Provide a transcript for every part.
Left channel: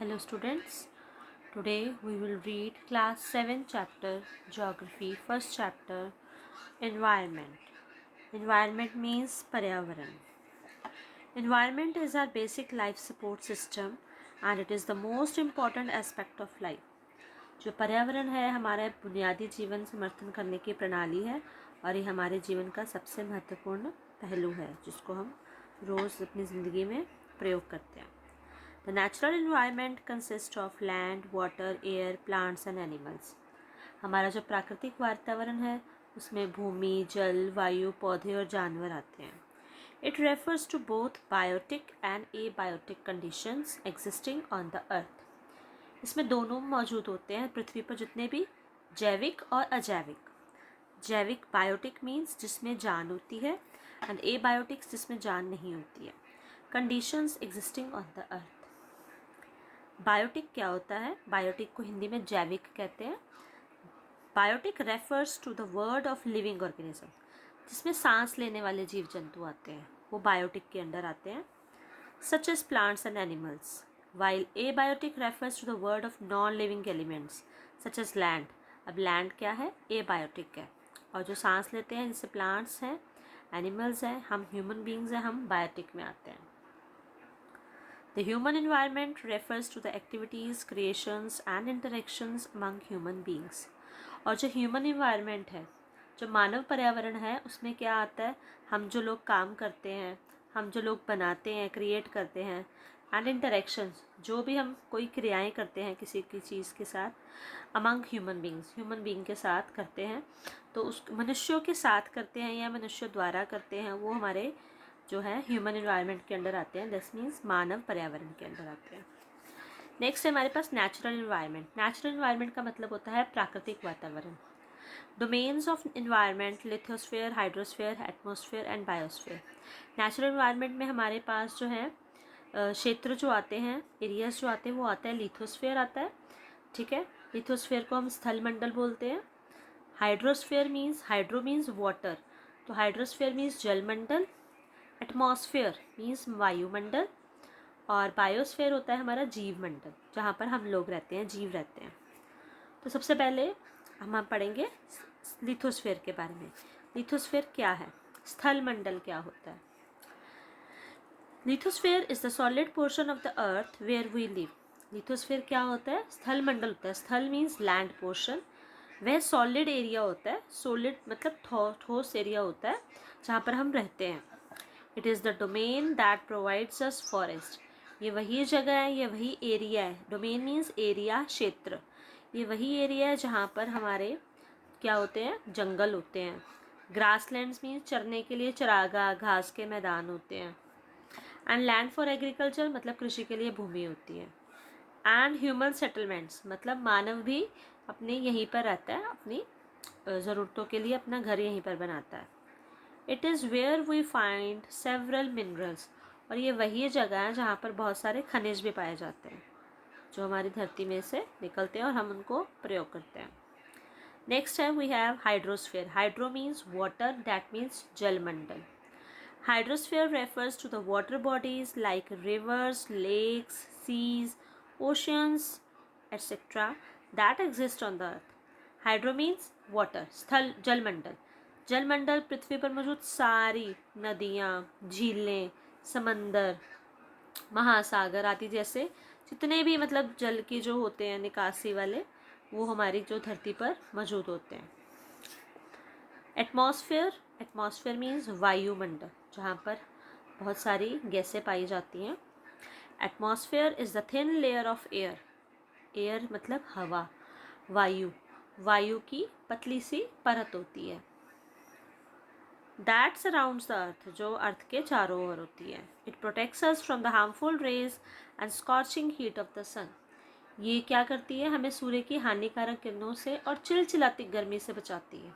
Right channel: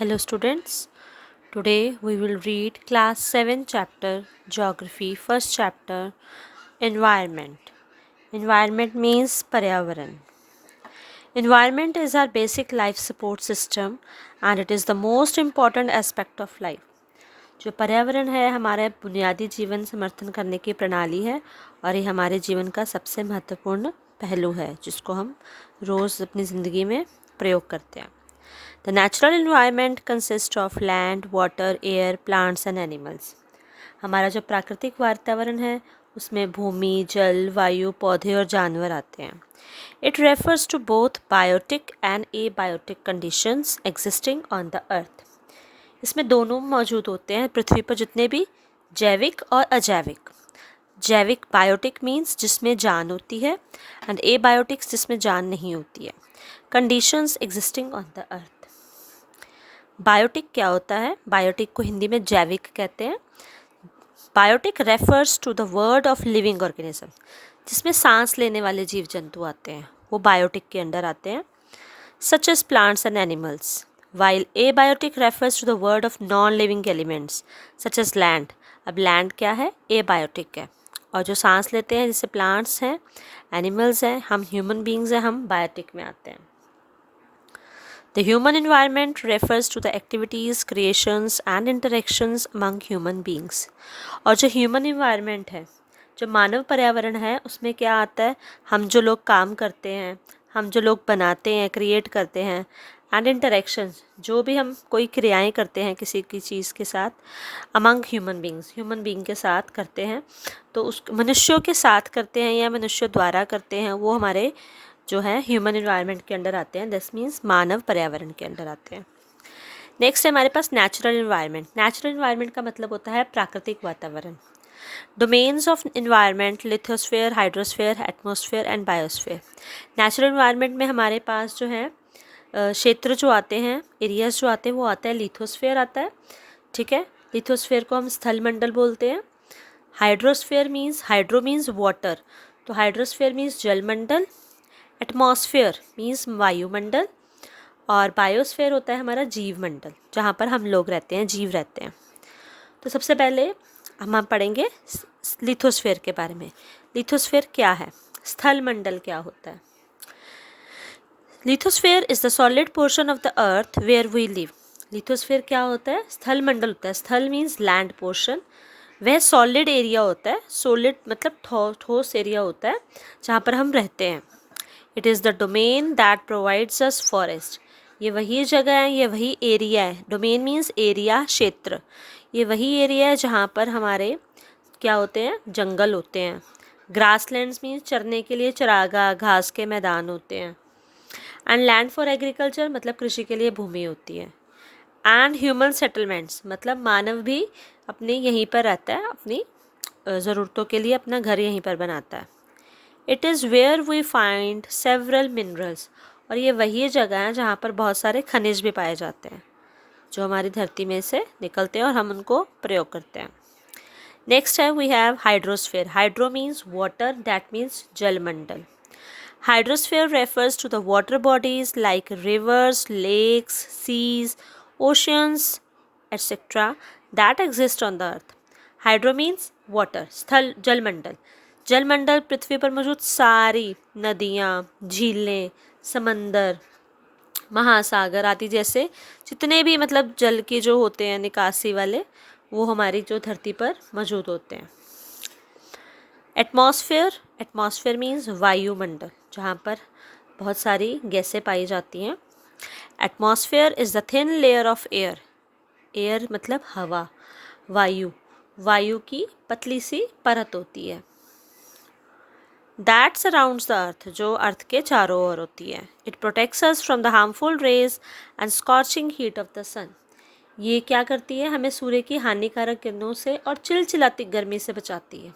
Hello students, today we will read class 7 chapter Geography, first chapter Environment. Environment means Paryavaran. Environment is our basic life support system and it is the most important aspect of life. जो पर्यावरण है हमारे बुनियादी जीवन समर्थन करने की प्रणाली है और ये हमारे जीवन का सबसे महत्वपूर्ण पहलू है जिसको हम रोज़ अपनी ज़िंदगी में प्रयोग करते हैं. The natural environment consists of land, water, air, plants and animals. हमारा जो प्राकृतिक वातावरण है उसमें भूमि, जल, वायु, पौधे और जानवर आते हैं. It refers to both biotic and abiotic conditions existing on the earth. इसमें दोनों मौजूद होते हैं पृथ्वी पर जितने भी जैविक और अजैविक. जैविक बायोटिक मीन्स जिसमें जान होती है एंड एबायोटिक्स जिसमें जान नहीं होती है. Conditions existing on the earth. Biotic क्या होता है? बायोटिक को हिंदी में जैविक कहते हैं. Biotic refers to the word of living organism. जिसमें सांस लेने वाले जीव जंतु आते हैं वो बायोटिक के अंडर आते हैं, such as plants and animals. While abiotic refers to the word of non living elements such as land. अब लैंड क्या है? एबायोटिक है. और जो सांस लेते हैं जैसे प्लांट्स हैं, एनिमल्स हैं, हम ह्यूमन बींग्स हैं, हम बायोटिक में आते हैं. The human environment refers to the activities, creations and interactions among human beings. और जो human environment है, जो मानव पर्यावरण है, उसमें क्या आता है? हम जो लोग काम करते हैं, हम जो लोग बनाते हैं, क्रिएट करते हैं, एंड इंटरेक्शंस, जो भी हम कोई क्रियाएं करते हैं किसी की चीज़ के साथ, among human beings, human being के साथ करते हैं, तो उस मनुष्यों के साथ करते हैं या मनुष्य द्वारा करते हैं, वो हमारे जो है ह्यूमन इन्वायरमेंट के अंडर आते हैं. दिस मीन्स मानव पर्यावरण के अंडर आते हैं. नेक्स्ट है हमारे पास नेचुरल इन्वायरमेंट. नेचुरल इन्वायरमेंट का मतलब होता है प्राकृतिक वातावरण. Domains of environment lithosphere, hydrosphere, atmosphere and biosphere. Natural environment में हमारे पास जो है क्षेत्र जो आते हैं, एरियाज जो आते हैं, वो आता है लिथोस्फेयर आता है. ठीक है, लिथोस्फेयर को हम स्थल मंडल बोलते हैं. Hydrosphere means, hydro means water, तो हाइड्रोस्फेयर मीन्स जलमंडल. एटमॉस्फेयर मीन्स वायुमंडल. और बायोस्फेयर होता है हमारा जीव मंडल, जहाँ पर हम लोग रहते हैं, जीव रहते हैं. तो सबसे पहले हम पढ़ेंगे लिथोस्फेयर के बारे में. लिथोस्फेयर क्या है? स्थल मंडल क्या होता है? Lithosphere is the solid portion of the earth where we live. Lithosphere क्या होता है? स्थल मंडल होता है. स्थल मीन्स लैंड पोर्शन. वह सॉलिड एरिया होता है. सॉलिड मतलब ठोस एरिया होता है जहाँ पर हम रहते हैं. It is the domain that provides us forest. ये वही जगह है, ये वही एरिया है. डोमेन मीन्स एरिया, क्षेत्र. ये वही एरिया है जहाँ पर हमारे क्या होते हैं? जंगल होते हैं. ग्रासलैंड्स मीन्स चरने के लिए चरागाह, घास के मैदान होते हैं. एंड लैंड फॉर एग्रीकल्चर मतलब कृषि के लिए भूमि होती है. एंड ह्यूमन सेटलमेंट्स मतलब मानव भी अपने यहीं पर रहता है, अपनी ज़रूरतों के लिए अपना घर यहीं पर बनाता है. It is where we find several minerals. और ये वही जगह है जहाँ पर बहुत सारे खनिज भी पाए जाते हैं जो हमारी धरती में से निकलते हैं और हम उनको प्रयोग करते हैं. नेक्स्ट है we have hydrosphere. Hydro means water, that means जलमंडल. Hydrosphere refers to the water bodies like rivers, lakes, seas, oceans etcetera that exist on the earth. Hydro means water, स्थल, जलमंडल. जलमंडल पृथ्वी पर मौजूद सारी नदियाँ, झीलें, समंदर, महासागर आदि जैसे जितने भी मतलब जल के जो होते हैं निकासी वाले, वो हमारी जो धरती पर मौजूद होते हैं. एटमॉस्फेयर. एटमॉस्फेयर मीन्स वायुमंडल, जहाँ पर बहुत सारी गैसें पाई जाती हैं. Atmosphere is the thin layer of air. Air मतलब हवा, वायु. वायु की पतली सी परत होती है. दैट सराउंड्स द अर्थ, जो अर्थ के चारों ओर होती है. It protects us from the harmful rays and scorching heat of the sun. ये क्या करती है? हमें सूर्य की हानिकारक किरणों से और चिलचिलाती गर्मी से बचाती है.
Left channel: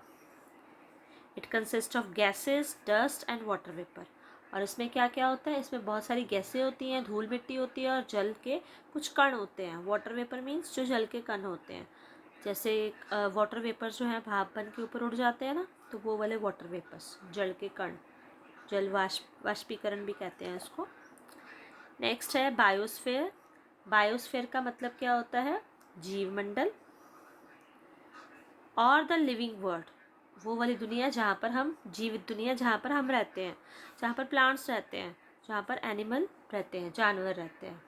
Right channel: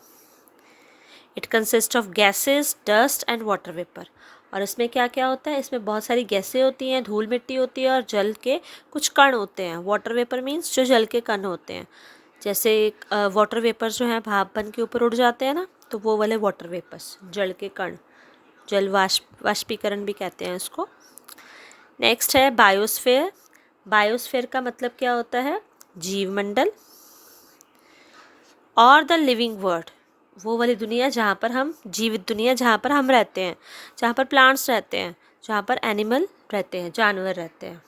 It consist of gases, dust and water vapour. और इसमें क्या क्या होता है? इसमें बहुत सारी गैसें होती हैं, धूल मिट्टी होती है और जल के कुछ कण होते हैं. वाटर वेपर मीन्स जो जल के कण होते हैं. जैसे वाटर वेपर जो है भाप बन के ऊपर उड़ जाते हैं ना, तो वो वाले वाटर वेपर्स, जल के कण, जल वाष्पीकरण भी कहते हैं इसको. नेक्स्ट है बायोस्फेयर. बायोस्फीयर का मतलब क्या होता है? जीवमंडल। और द लिविंग वर्ल्ड, वो वाली दुनिया जहाँ पर हम, जीवित दुनिया जहाँ पर हम रहते हैं, जहाँ पर प्लांट्स रहते हैं, जहाँ पर एनिमल रहते हैं, जानवर रहते हैं।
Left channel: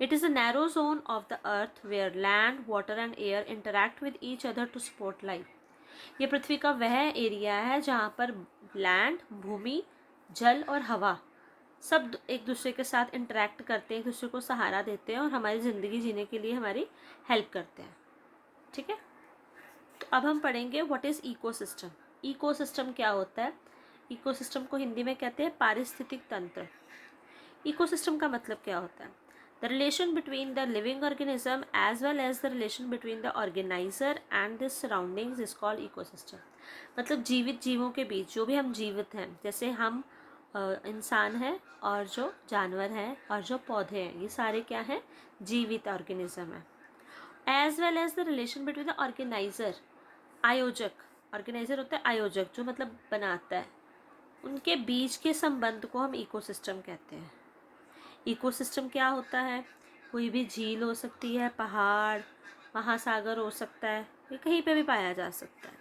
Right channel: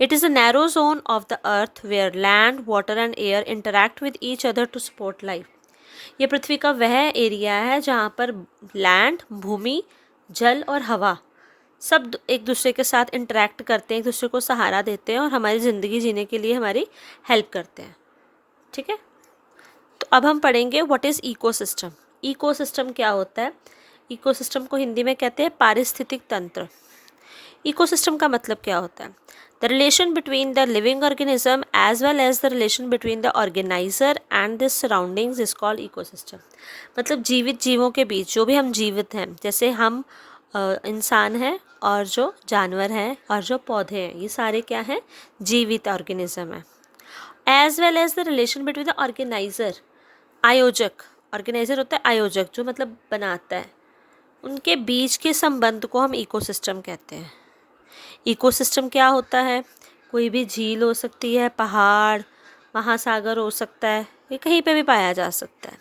It is a narrow zone of the earth where land, water and air interact with each other to support life. ये पृथ्वी का वह एरिया है जहाँ पर लैंड, भूमि, जल और हवा सब एक दूसरे के साथ इंटरैक्ट करते हैं, एक दूसरे को सहारा देते हैं और हमारी ज़िंदगी जीने के लिए हमारी हेल्प करते हैं। ठीक है, तो अब हम पढ़ेंगे व्हाट इज़ इकोसिस्टम। इकोसिस्टम क्या होता है? इकोसिस्टम को हिंदी में कहते हैं पारिस्थितिक तंत्र। इकोसिस्टम का मतलब क्या होता है? The relation between the living organism as well as the relation between the organizer and the surroundings is called ecosystem. मतलब जीवित जीवों के बीच, जो भी हम जीवित हैं, जैसे हम इंसान हैं और जो जानवर हैं और जो पौधे हैं, ये सारे क्या हैं? जीवित ऑर्गेनिज्म है। As well as the relation between the organizer, आयोजक, ऑर्गेनाइजर होता है आयोजक, जो मतलब बनाता है, उनके बीच के संबंध को हम इकोसिस्टम कहते हैं। इकोसिस्टम क्या होता है? कोई भी झील हो सकती है, पहाड़, महासागर हो सकता है, ये कहीं पे भी पाया जा सकता है।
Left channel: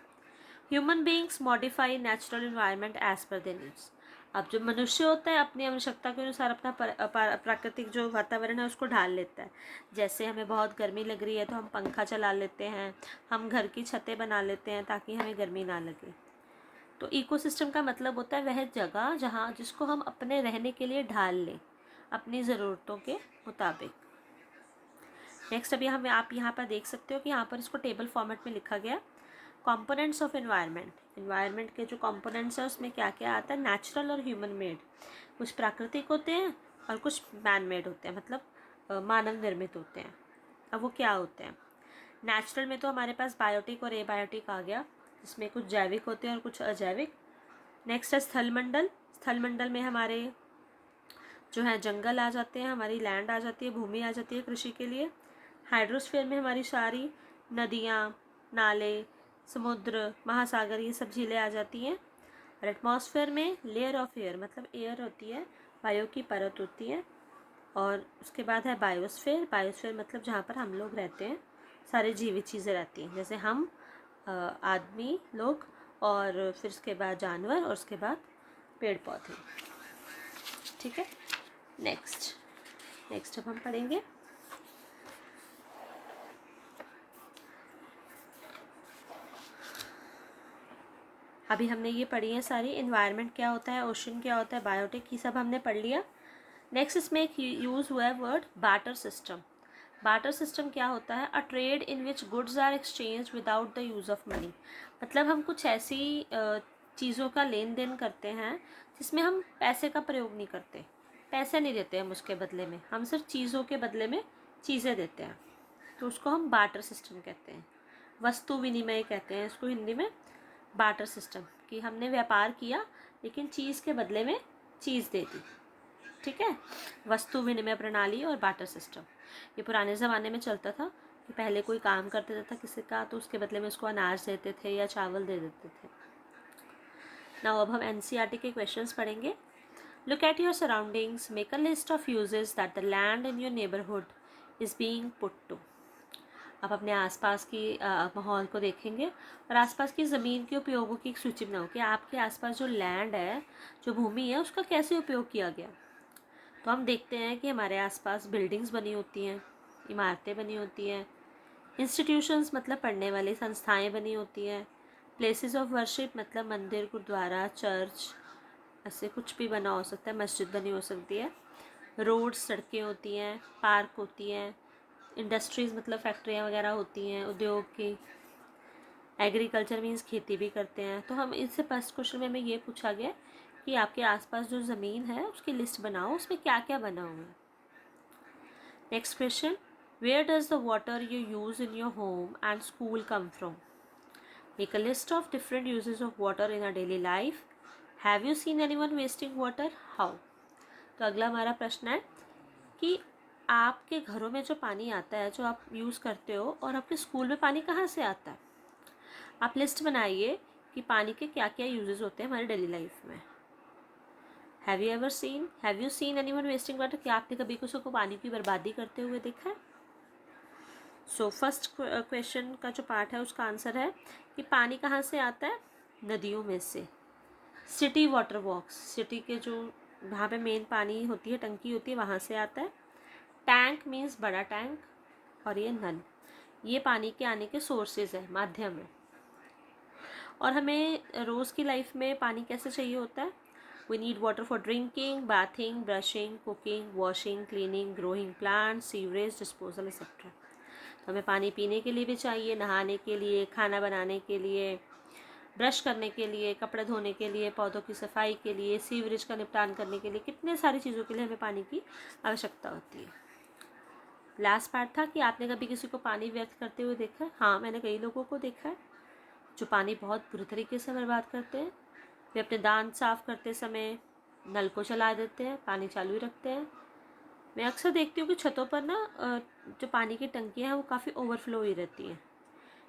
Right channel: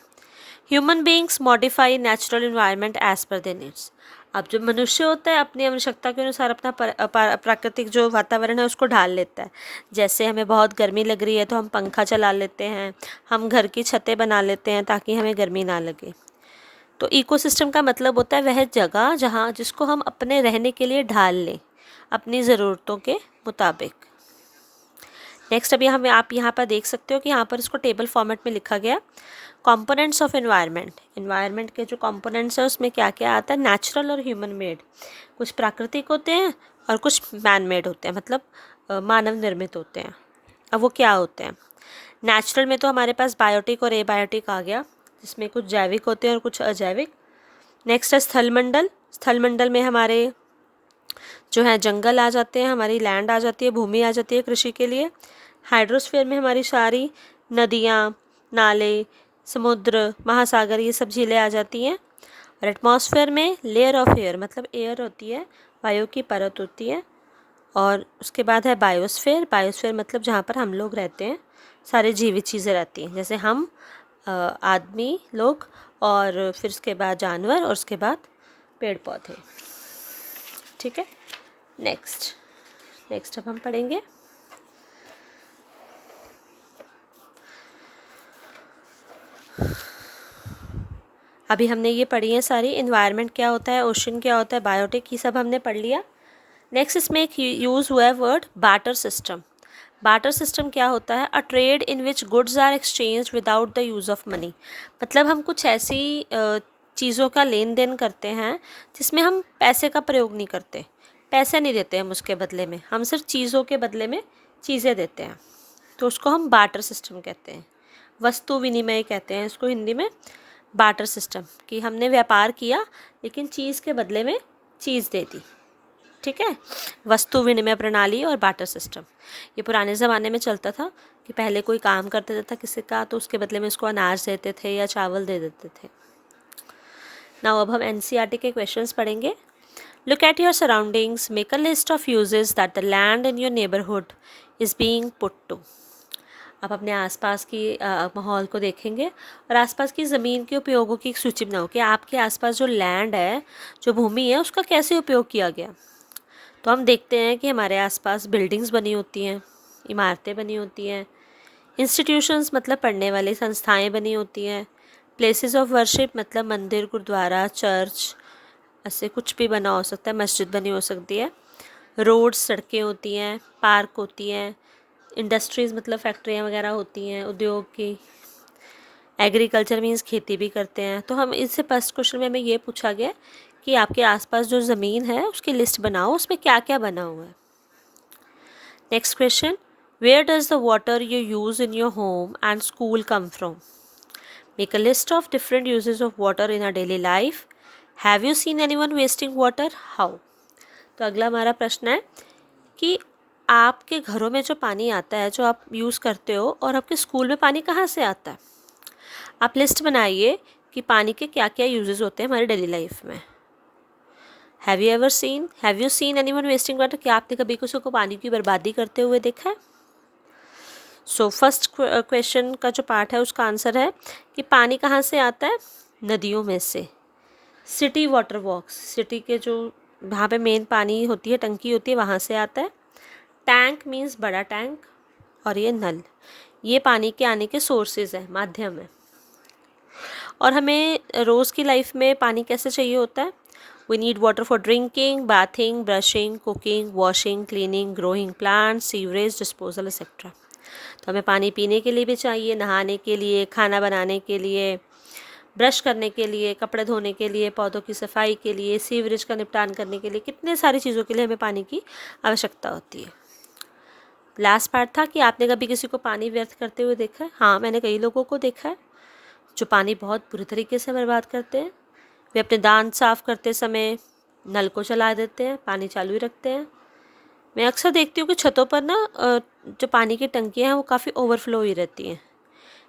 Human beings modify natural environment as per their needs. अब जो मनुष्य होता है अपनी आवश्यकता के अनुसार अपना प्राकृतिक जो वातावरण है उसको ढाल लेता है। जैसे हमें बहुत गर्मी लग रही है तो हम पंखा चला लेते हैं, हम घर की छतें बना लेते हैं ताकि हमें गर्मी ना लगे। तो इकोसिस्टम का मतलब होता है वह जगह जहाँ, जिसको हम अपने रहने के लिए ढाल लें अपनी ज़रूरतों के मुताबिक। नेक्स्ट अभी हम आप यहाँ पर देख सकते हो कि यहाँ पर इसको टेबल फॉर्मेट में लिखा गया। कंपोनेंट्स ऑफ एनवायरनमेंट, एनवायरनमेंट के जो कंपोनेंट्स हैं उसमें क्या क्या आता है? नेचुरल और ह्यूमन मेड, कुछ प्राकृतिक होते हैं और कुछ मैन मेड होते हैं, मतलब मानव निर्मित होते हैं। अब वो क्या होते हैं? नेचुरल में तो हमारे पास बायोटिक और एबायोटिक आ गया, जिसमें कुछ जैविक होते हैं और कुछ अजैविक। नेक्स्ट है स्थलमंडल। स्थलमंडल में हमारे जो है जंगल आ जाते हैं, हमारी लैंड आ जाती है, भूमि आ जाती है कृषि के लिए। हाइड्रोस्फीयर में हमारी सारी नदियाँ, नाले, समुद्र, महासागर, ये सब झीलें आ जाती हैं। और एटमॉस्फेयर में लेयर ऑफ एयर, मतलब एयर होती है, वायु की परत होती है। और उसके बाद है बायोस्फीयर। बायोस्फीयर मतलब जहाँ पर हम लोग रहते हैं, सारे जीवित चीज़ें रहती हैं, जैसे हम, आदमी लोग, और फिर उसके बाद जानवर, और उसके बाद पेड़ पौधे। ठीक है, नेक्स्ट अब हम पढ़ेंगे अभी हमने ये पढ़ी है सारी, इन्वायरमेंट क्या होता है, ओशन क्या होता है, बायोटिक, ये सब हमने पढ़ लिया। नेक्स्ट इसमें एक यूज़ हुआ है word barter system. Barter system क्या होता है? A trade in which goods are exchange without the use of money. मतलब हम कुछ ऐसी चीज़ों का लेन देन करते हैं जिसमें हम पैसे का प्रयोग नहीं करते, पैसे नहीं देते हम उसके बदले में, हम सिर्फ चीज़ों के बदले में चीज़ें देते हैं, तो उसको हम बार्टर सिस्टम कहते हैं। वस्तु विनिमय कहते हैं इसको हिंदी में, बार्टर सिस्टम, कि हमने व्यापार किया लेकिन चीज़ के बदले में चीज़ दे दी। ठीक है, वस्तु विनिमय प्रणाली और बार्टर सिस्टम ये पुराने ज़माने में चलता था कि पहले कोई काम कर देता था किसी का, तो उसके बदले में उसको अनाज देते थे या चावल दे देते थे। नाउ अब हम एनसीईआरटी के क्वेश्चंस पढ़ेंगे। Look at your surroundings, make a list of uses that the land in your neighbourhood is being put to. आप अपने आसपास की माहौल को देखेंगे और आसपास की ज़मीन के उपयोगों की एक सूची बनाओ कि आपके आसपास जो लैंड है, जो भूमि है, उसका कैसे उपयोग किया गया। तो हम देखते हैं कि हमारे आसपास बिल्डिंग्स बनी होती हैं, इमारतें बनी होती हैं, इंस्टीट्यूशंस मतलब पढ़ने वाली संस्थाएं बनी होती हैं, प्लेसेस ऑफ वर्शिप मतलब मंदिर, गुरुद्वारा, चर्च, ऐसे कुछ भी बना हो सकता है, मस्जिद बनी हो सकती है, रोड्स, सड़कें होती हैं, पार्क होती हैं, इंडस्ट्रीज़ मतलब फैक्ट्रियाँ वगैरह होती हैं, उद्योग की, एग्रीकल्चर मीन्स खेती भी करते हैं। तो हम इससे फर्स्ट क्वेश्चन में हमें ये पूछा गया कि आपके आसपास जो ज़मीन है उसकी लिस्ट बनाओ, उसमें क्या क्या बना हुआ है। Next question, where does the water you use in your home and school come from. Make a list of different uses of water in a daily life. Have you seen anyone wasting water, how. तो अगला हमारा प्रश्न है कि आपके घरों में जो पानी आता है, जो आप यूज़ करते हो, और आपके स्कूल में पानी कहाँ से आता है। आप लिस्ट बनाइए कि पानी के क्या क्या यूजेस होते हैं हमारी डेली लाइफ में। Have you seen anyone wasting water? क्या आपने कभी किसी को पानी की बर्बादी करते हुए देखा है? सो फर्स्ट क्वेश्चन का जो पार्ट है उसका आंसर है कि पानी कहाँ से आता है? नदियों में से। सिटी वाटर वर्क्स, सिटी के जो वहाँ पे मेन पानी होती है, टंकी होती है, वहाँ से आता है। टैंक मीन्स बड़ा टैंक, और ये नल, ये पानी के आने के सोर्सेज है, माध्यम है। और हमें रोज़ की लाइफ में पानी कैसे चाहिए होता है? We need water for drinking, bathing, brushing, cooking, washing, cleaning, growing plants, sewerage disposal etcetera. तो हमें पानी पीने के लिए भी चाहिए, नहाने के लिए, खाना बनाने के लिए, ब्रश करने के लिए, कपड़े धोने के लिए, पौधों की सफाई के लिए, सीवरेज का निपटान करने के लिए, कितने सारी चीज़ों के लिए हमें पानी की आवश्यकता होती है। लास्ट पार्ट था कि आपने कभी किसी को पानी व्यर्थ करते हुए देखा है? हाँ, मैंने कई लोगों को देखा है जो पानी बहुत बुरी तरीके से बर्बाद करते हैं। वे अपने दांत साफ़ करते समय नल को चला देते हैं, पानी चालू ही रखते हैं। मैं अक्सर देखती हूँ कि छतों पर ना जो पानी की टंकियाँ हैं वो काफ़ी ओवरफ्लो ही रहती हैं।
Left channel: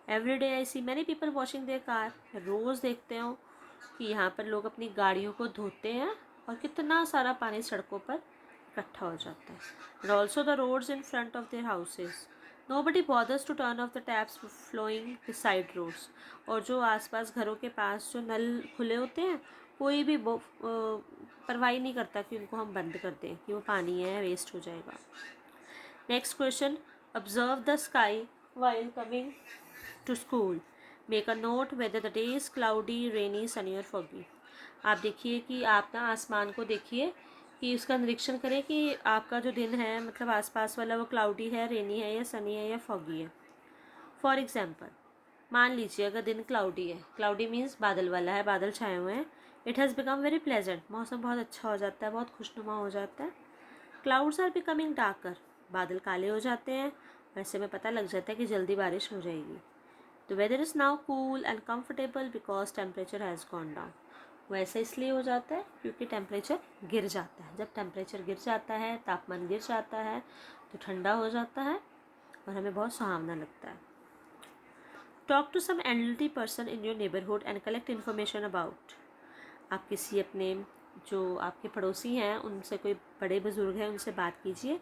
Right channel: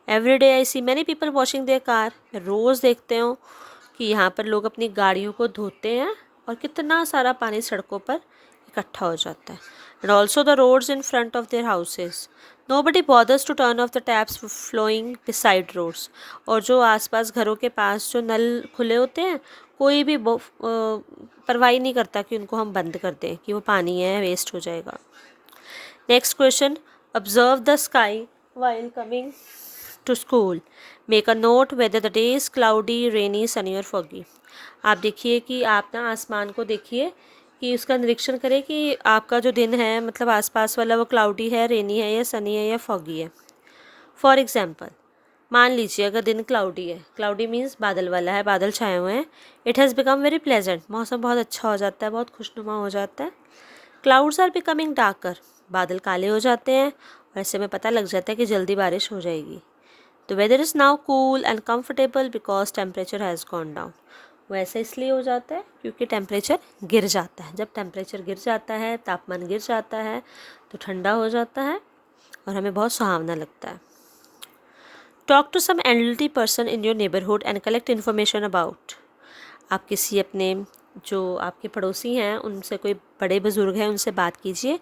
Every day I see many people washing their car. रोज़ देखते हो कि यहाँ पर लोग अपनी गाड़ियों को धोते हैं और कितना सारा पानी सड़कों पर इकट्ठा हो जाता है। And also the roads in front of their houses, nobody bothers to turn off the taps flowing beside roads. और जो आसपास घरों के पास जो नल खुले होते हैं, कोई भी परवाही नहीं करता कि उनको हम बंद कर दें कि वो पानी है वेस्ट हो जाएगा। Next question, observe the sky while coming to school. Make a note whether the day is cloudy, rainy, sunny or foggy. आप देखिए कि आप ना आसमान को देखिए कि उसका निरीक्षण करें कि आपका जो दिन है, मतलब आसपास वाला, वो क्लाउडी है, रेनी है या सनी है या फॉगी है। फॉर एग्जाम्पल, मान लीजिए अगर दिन क्लाउडी है, क्लाउडी मीन्स बादल वाला है, बादल छाए हुए हैं। It has become very pleasant, मौसम बहुत अच्छा हो जाता है, बहुत खुशनुमा हो जाता है। क्लाउड्स आर बिकमिंग डार्कर, बादल काले हो जाते हैं और ऐसे में पता लग जाता है कि जल्दी बारिश हो जाएगी। The weather is now cool and comfortable because temperature has gone down. वो ऐसा इसलिए हो जाता है क्योंकि टेम्परेचर गिर जाता है। जब टेम्परेचर गिर जाता है, तापमान गिर जाता है, तो ठंडा हो जाता है और हमें बहुत सुहावना लगता है। Talk to some elderly person in your neighbourhood and collect information about. आप किसी अपने जो आपके पड़ोसी हैं उनसे, कोई बड़े बुज़ुर्ग हैं, उनसे बात कीजिए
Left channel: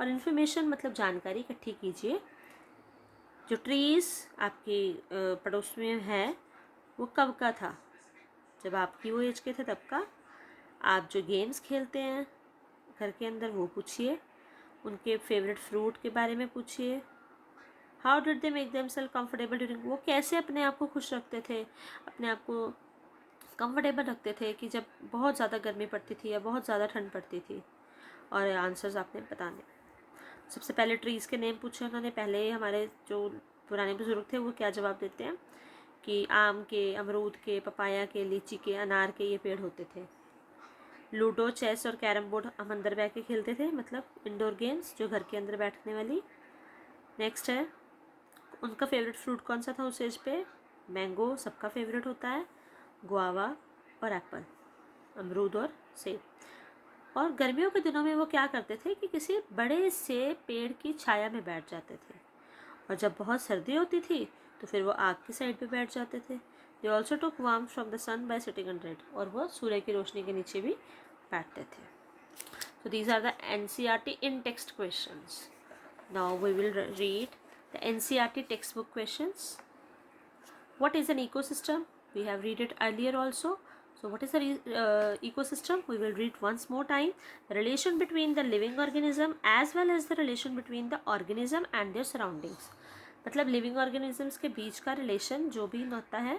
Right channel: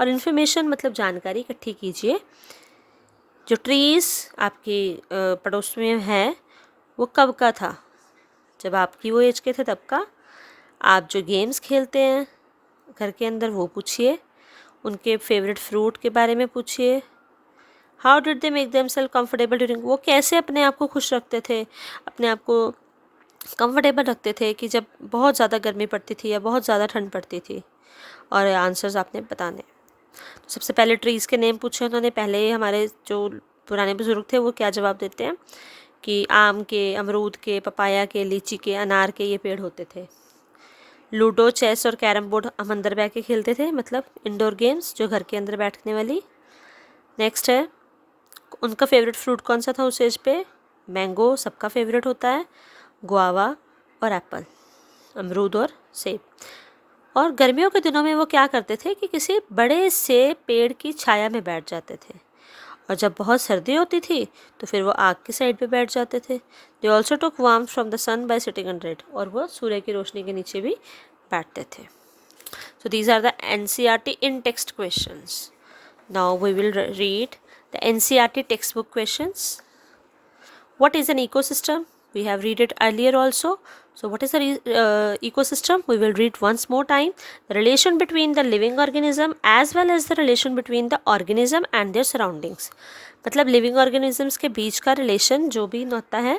और इन्फॉर्मेशन मतलब जानकारी इकट्ठी कीजिए। जो ट्रीज़ आपके पड़ोस में है वो कब का था? जब आपकी वो एज के थे तब का। आप जो गेम्स खेलते हैं घर के अंदर वो पूछिए, उनके फेवरेट फ्रूट के बारे में पूछिए। How did they make themselves comfortable during, वो कैसे अपने आप को खुश रखते थे, अपने आप को कंफर्टेबल रखते थे कि जब बहुत ज़्यादा गर्मी पड़ती थी या बहुत ज़्यादा ठंड पड़ती थी। और आंसर्स आपने बताने। तो सबसे पहले ट्रीज़ के नेम पूछे उन्होंने। पहले हमारे जो पुराने बुजुर्ग थे वो क्या जवाब देते हैं कि आम के, अमरूद के, पपाया के, लीची के, अनार के ये पेड़ होते थे। लूडो, चेस और कैरम बोर्ड हम अंदर बैठ के खेलते थे, मतलब इंडोर गेम्स जो घर के अंदर बैठने वाली। नेक्स्ट है, उनका फेवरेट फ्रूट कौन सा था उस एज पे? मैंगो सबका फेवरेट होता है, गुआवा और एप्पल, अमरूद और सेब। और गर्मियों के दिनों में वो क्या करते थे कि किसी बड़े से पेड़ की छाया में बैठ जाते थे। और जब बहुत सर्दी होती थी तो फिर वो आग की साइड पे बैठ जाते थे। They also took warmth from the sun by sitting under it, और वो सूर्य की रोशनी के नीचे भी बैठते थे। So these are the NCERT in text questions. Now we will read the NCERT textbook questions. What is an ecosystem? We have read it earlier also. So what is the ecosystem? We will read once more time. The relation between the living organism as well as the relation between the organism and their surroundings. मतलब living organisms के बीच का relation जो भी होता है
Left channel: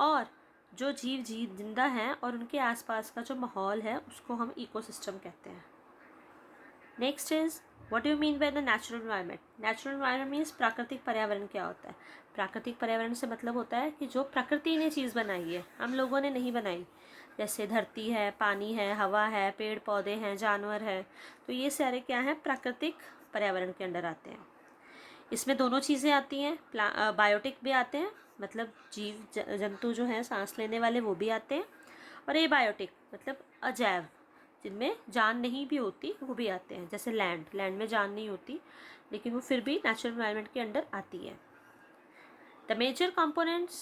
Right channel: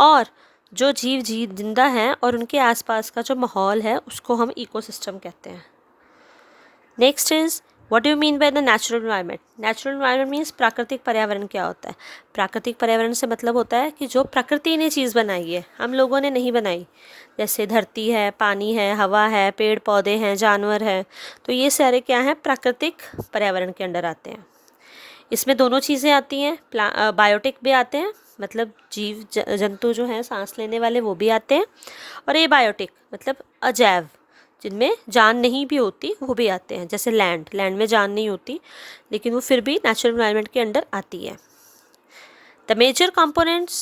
और जो जीव जिंदा हैं और उनके आसपास का जो माहौल है उसको हम इकोसिस्टम कहते हैं। Next is, what do you mean by the natural environment? Natural environment means प्राकृतिक पर्यावरण क्या होता है? प्राकृतिक पर्यावरण से मतलब होता है कि जो प्रकृति ने चीज़ बनाई है, हम लोगों ने नहीं बनाई। जैसे धरती है, पानी है, हवा है, पेड़ पौधे हैं, जानवर हैं, तो ये सारे क्या हैं? प्राकृतिक पर्यावरण के अंडर आते हैं। इसमें दोनों चीज़ें आती हैं, बायोटिक भी आते हैं, मतलब जीव जंतु जो हैं सांस लेने वाले वो भी आते हैं, और ए बायोटिक मतलब अजैव, जिनमें जान नहीं भी होती वो भी आते हैं। जैसे लैंड में जान नहीं होती लेकिन वो फिर भी नेचुरल एनवायरनमेंट के अंडर आती है। The major components,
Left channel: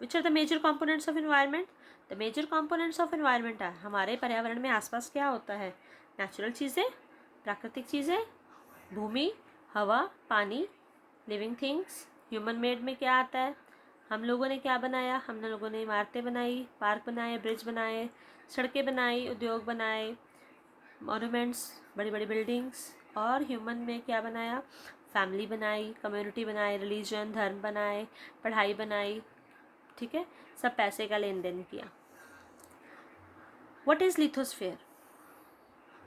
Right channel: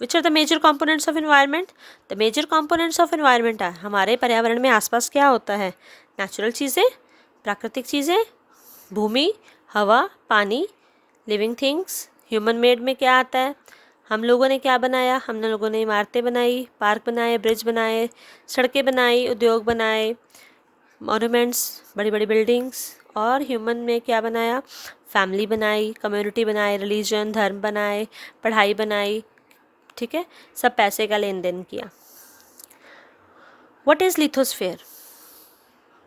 which are the major components of environment? The major components of environment are, हमारे पर्यावरण में आसपास क्या होता है? नेचुरल चीज़ें, प्राकृतिक चीज़ें, भूमि, हवा, पानी, लिविंग थिंग्स। ह्यूमन मेड में क्या आता है? हम लोगों ने क्या बनाया? हम लोगों ने इमारतें बनाई, पार्क बनाए, ब्रिज बनाए, सड़कें बनाई, उद्योग बनाए, मॉन्यूमेंट्स, बड़ी बड़ी बिल्डिंग्स। और ह्यूमन में क्या बनाया? फैमिली बनाई, कम्युनिटी बनाई, रिलीजन, धर्म बनाए, पढ़ाई बनाई, ठीक है, सब पैसे का लेन देन किया। What is lithosphere?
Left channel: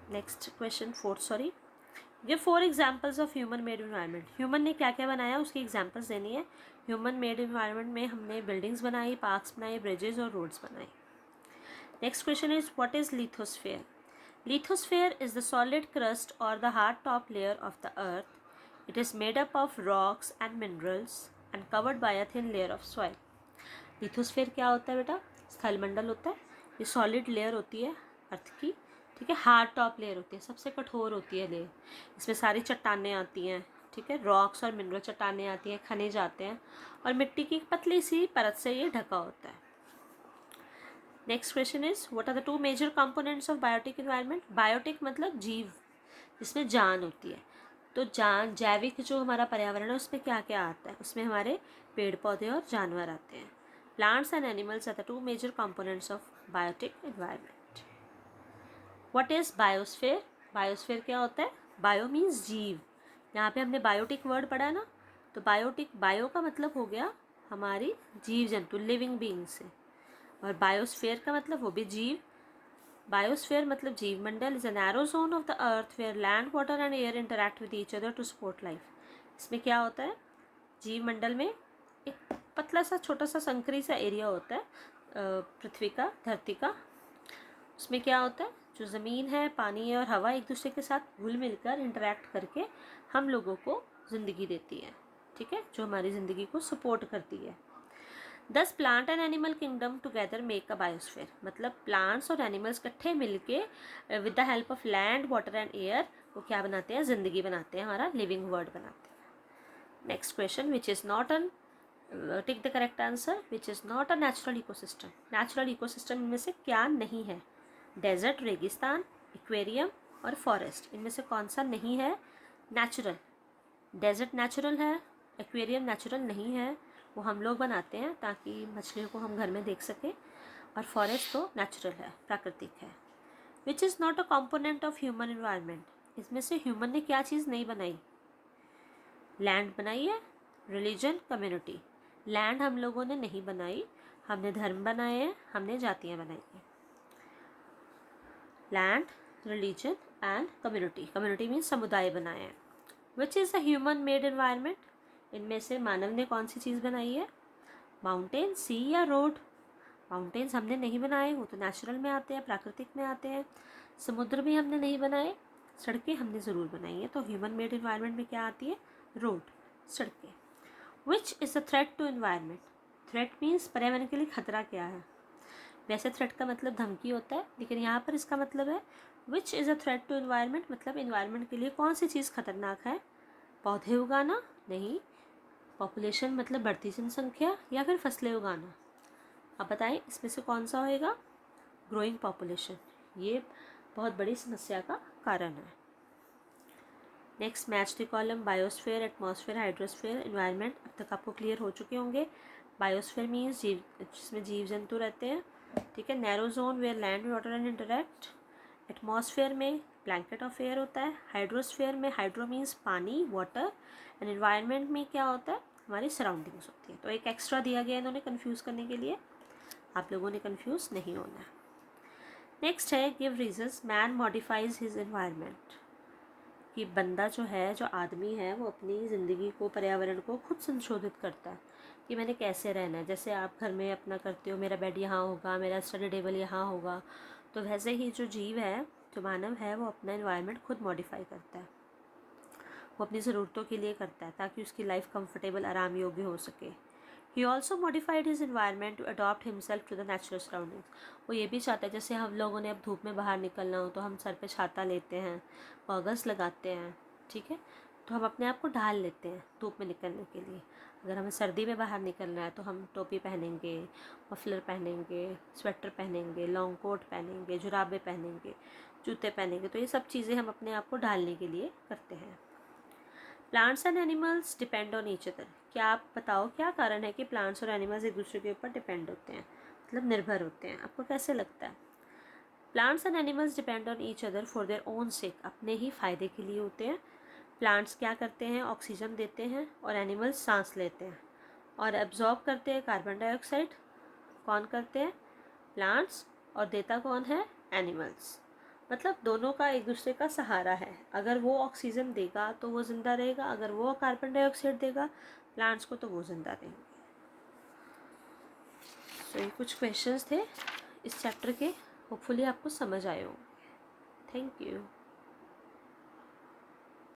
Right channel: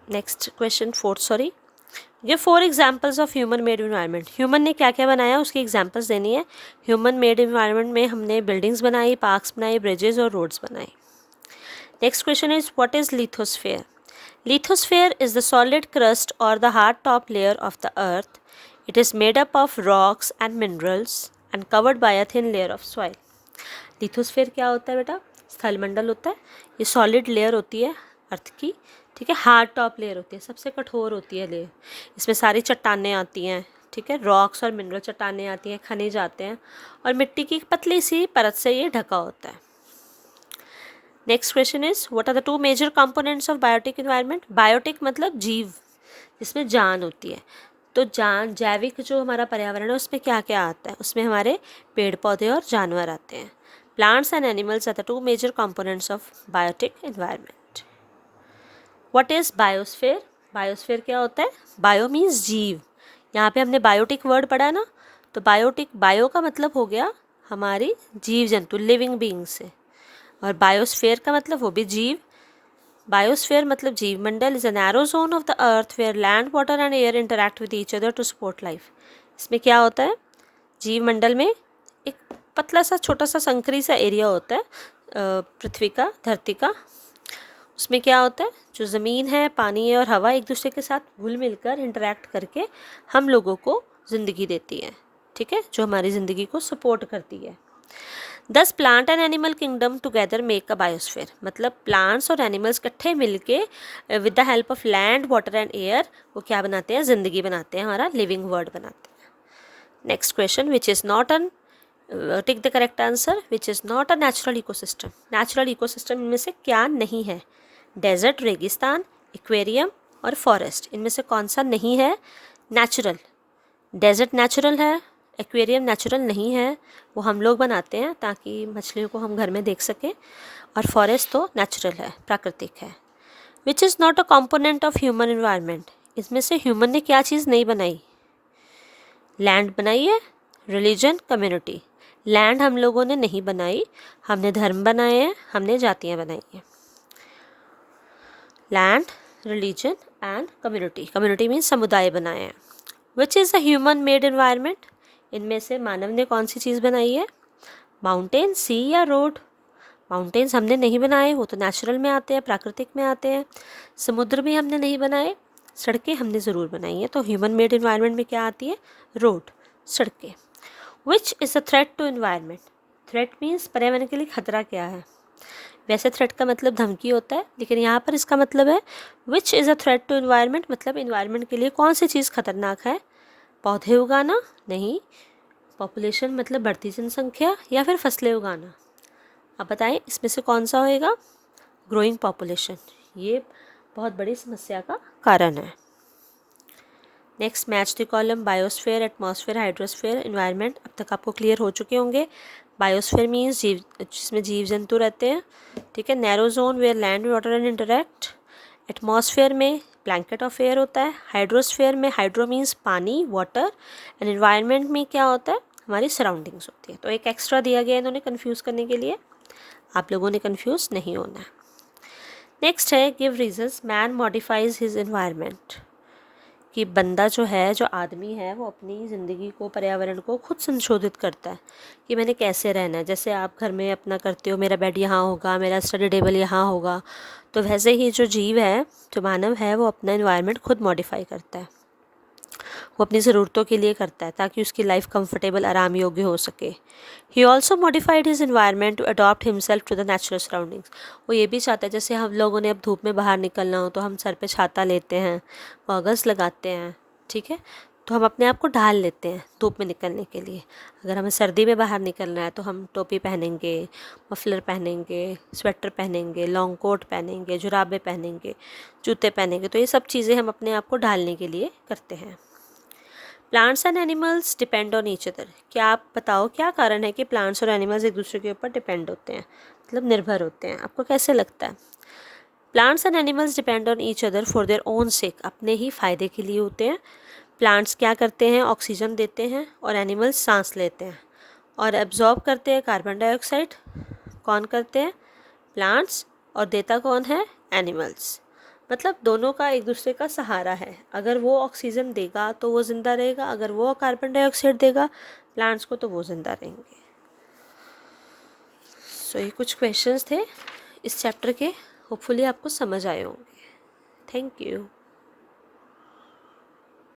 Next question, fourth, sorry. Give 4 examples of human made environment. Human ने क्या क्या बनाया उसकी एग्जाम्पल्स देनी है। ह्यूमन मेड इन्वायरमेंट में हमने बिल्डिंग्स बनाई, पार्क्स बनाए, ब्रिजेस और रोड्स बनाए। Next question is what is lithosphere? Lithosphere is the solid crust or the hard top layer of the earth. It is made up of rocks and minerals and covered by a thin layer of soil. Lithosphere क्या होता है बेटा? स्थलमंडल होता है। ये solid layer होती है अर्थ की, ठीक है। हार्ड टॉप लेयर होती है, सबसे कठोर होती है लेयर। इसमें सारी चट्टानें आती हैं, ठीक है, रॉक्स और मिनरल चट्टानें आती हैं, खनिज आते हैं, और मिट्टी की पतली सी परत से ये ढका होता है। Next question is what are the 2 major components of biotic environment? Biotic मतलब जीव, जिसमें जान होती है। तो जान, जैविक जो हमारा पर्यावरण है उसमें क्या क्या आता है? उसमें हमारे पेड़ पौधे और जानवर आते हैं। Plants and animals are the 2 major components of biotic environment. What is biosphere? Biosphere क्या होता है? बायो मीन्स जीव। यहाँ पे हमने बायोटिक वर्ड पढ़ा है ना, तो बायोटिक, बायो का मतलब हो गया हमारी जीव जंतु, लिविंग बींग से, और बायोस्फेयर का मतलब वो भी जीव। बायोस्फेयर मतलब जीव मंडल is a narrow zone of the earth where land, water and air interact with each other to support life. इसमें क्या होता है? जीव मंडल में एक पतला सा छोटा सा संकरी सा एरिया होता है पृथ्वी का, धरती का। उसमें क्या होता है? जो ज़मीन है, पानी है और हवा एक दूसरे के साथ घुल मिलकर इंटरैक्ट करके हम लोगों को ज़िंदगी देती है, ठीक है, जो हमारी ज़िंदगी को सपोर्ट करती है। दस plant and animal kingdom together make a biosphere. मतलब प्लांट्स और एनिमल्स इकट्ठे मिलके with the help of land, water and air वो क्या बनाते हैं? ज़िंदगी बनाते हैं, हमारा लिविंग वर्ल्ड बनाते हैं। Next question, which is not an, tick the correct answer, which is not a natural ecosystem. Natural ecosystem इनमें से क्या नहीं है? डेजर्ट, रेगिस्तान, एक्वेरियम और फॉरेस्ट। इनमें से कौन सा नहीं है नेचुरल? डेजर्ट नेचुरल है, एक्वेरियम नेचुरल नहीं है, वो हम लोग बनाते हैं ताकि मछलियों को हम घर में देख सकें, और फॉरेस्ट तो नेचुरल है, प्राकृतिक है। Which is not a component of human environment. इसमें से ह्यूमन ने क्या चीज़ नहीं बनाई? लैंड बनाई है, रिलीजन, कम्युनिटी। लैंड हम लोगों ने नहीं बनाई, हमने धर्म बनाए हैं, हमने जातियाँ बनाई हैं। Land, religion and community. Community means समुदाय बनाए हैं। विच is a human made environment. इनमें से मानव ने कौन सी चीज़ बनाई है? माउंटेन, सी या रोड। माउंटेन्स हमने नहीं बनाए, वो तो नेचुरल में आते हैं, प्राकृतिक में आते हैं। समुद्र भी हमने नहीं बनाए, सड़कें हमने ज़रूर बनाई हैं। तो ह्यूमन मेड इन्वायरमेंट में क्या आती है? रोड, सड़कें। Which is a threat to environment. Threat means पर्यावरण के लिए खतरा क्या है। वैसे थ्रेट का मतलब धमकी होता है, लेकिन यहाँ पर इसका मतलब है which is a threat to environment, मतलब इन्वायरमेंट के लिए कौन सी चीज़ खतरनाक है? पौधे उगाना नहीं, पॉपुलेशन मतलब बढ़ती जनसंख्या, या फिर फसलें उगाना। अब बताएं इसमें से कौन सा होएगा? Growing population. ये बहुत बड़ी समस्या का कारण है। Next, match the column biosphere, atmosphere, hydrosphere, environment. अब तक आपको क्लियर हो चुके होंगे। बायोस्फीयर मीन्स जीव, जिसमें जीव जंतु रहते हैं, ठीक है। Narrow zone where land, water and interact. Atmosphere में ब्लैंकेट ऑफ एयर होता है। हाइड्रोस्फेयर में, हाइड्रो मीन्स पानी, वाटर, एंड इन्वायरमेंट में क्या होता है? हमारी सराउंडिंग्स होती है। तो एक एक्स्ट्रा दिया गया इन्होंने कन्फ्यूज़ करने के लिए, आप लोगों ने कन्फ्यूज़ नहीं होना है। नेक्स्ट है give reasons man modifies his environment. कि बंदा जो है, जो आदमी है, वो अपनी ज़िंदगी को, पर्यावरण को खुद संशोधित करता है कि मैंने कैसे रहना है। जैसे आप घर में अपना करते हो, मेरा बेड यहाँ होगा, मेरा स्टडी टेबल यहाँ होगा, तो वैसे ही जो जीव है, जो मानव है, वो अपना एनवायरनमेंट खुद मॉडिफाई करता है। वो अपनी ज़रूरतों के लिए करता है ताकि उसकी लाइफ कंफर्टेबल, आराम योग्य हो सके। He also modified his environment to adopt himself to the natural surroundings. वो ये भी चाहता है, जैसे हम लोगों ने अब धूप में बाहर निकलना हो तो हम सर पे छाता लेते हैं, गॉगल्स लगाते हैं, ठीक है। तो हम अपने आप को ढाल लेते हैं धूप में निकलने के लिए। अगर हमें सर्दी में बाहर निकलना है तो हम टोपी पहनेंगे, मफलर पहनेंगे, स्वेटर पहनेंगे, लॉन्ग कोट पहनेंगे, जुराबे पहनेंगे, जूते पहनेंगे। तो ये सब चीज़ें हम अपने आप को ढालने के लिए करते हैं। Plants and animals depend on each other. क्या आप बताओ क्या कारण है कि प्लांट्स और एनिमल्स एक दूसरे के ऊपर डिपेंड होते हैं, मतलब निर्भर होते हैं? आपको कैसे लगता है? Plants and animals depend on each other for their own सेक। अपने ही फ़ायदे के लिए होते हैं। प्लांट्स क्या करते हैं? ऑक्सीजन देते हैं और एनिमल्स सांस लेते हैं और एब्जॉर्ब करते हैं कार्बन डाइऑक्साइड। कौन करते हैं? प्लांट्स। और देता कौन है? एनिमल्स। मतलब दोनों का एक दूसरे का सहारा है। अगर वो ऑक्सीजन देगा तो वो ज़िंदा रहेगा, अगर वो कार्बन डाइऑक्साइड देगा प्लांट्स को तो वो ज़िंदा रहेंगे। सो ये कुछ क्वेश्चंस थे इस चैप्टर के। होपफुली आपको समझ आए होंगे। Thank you.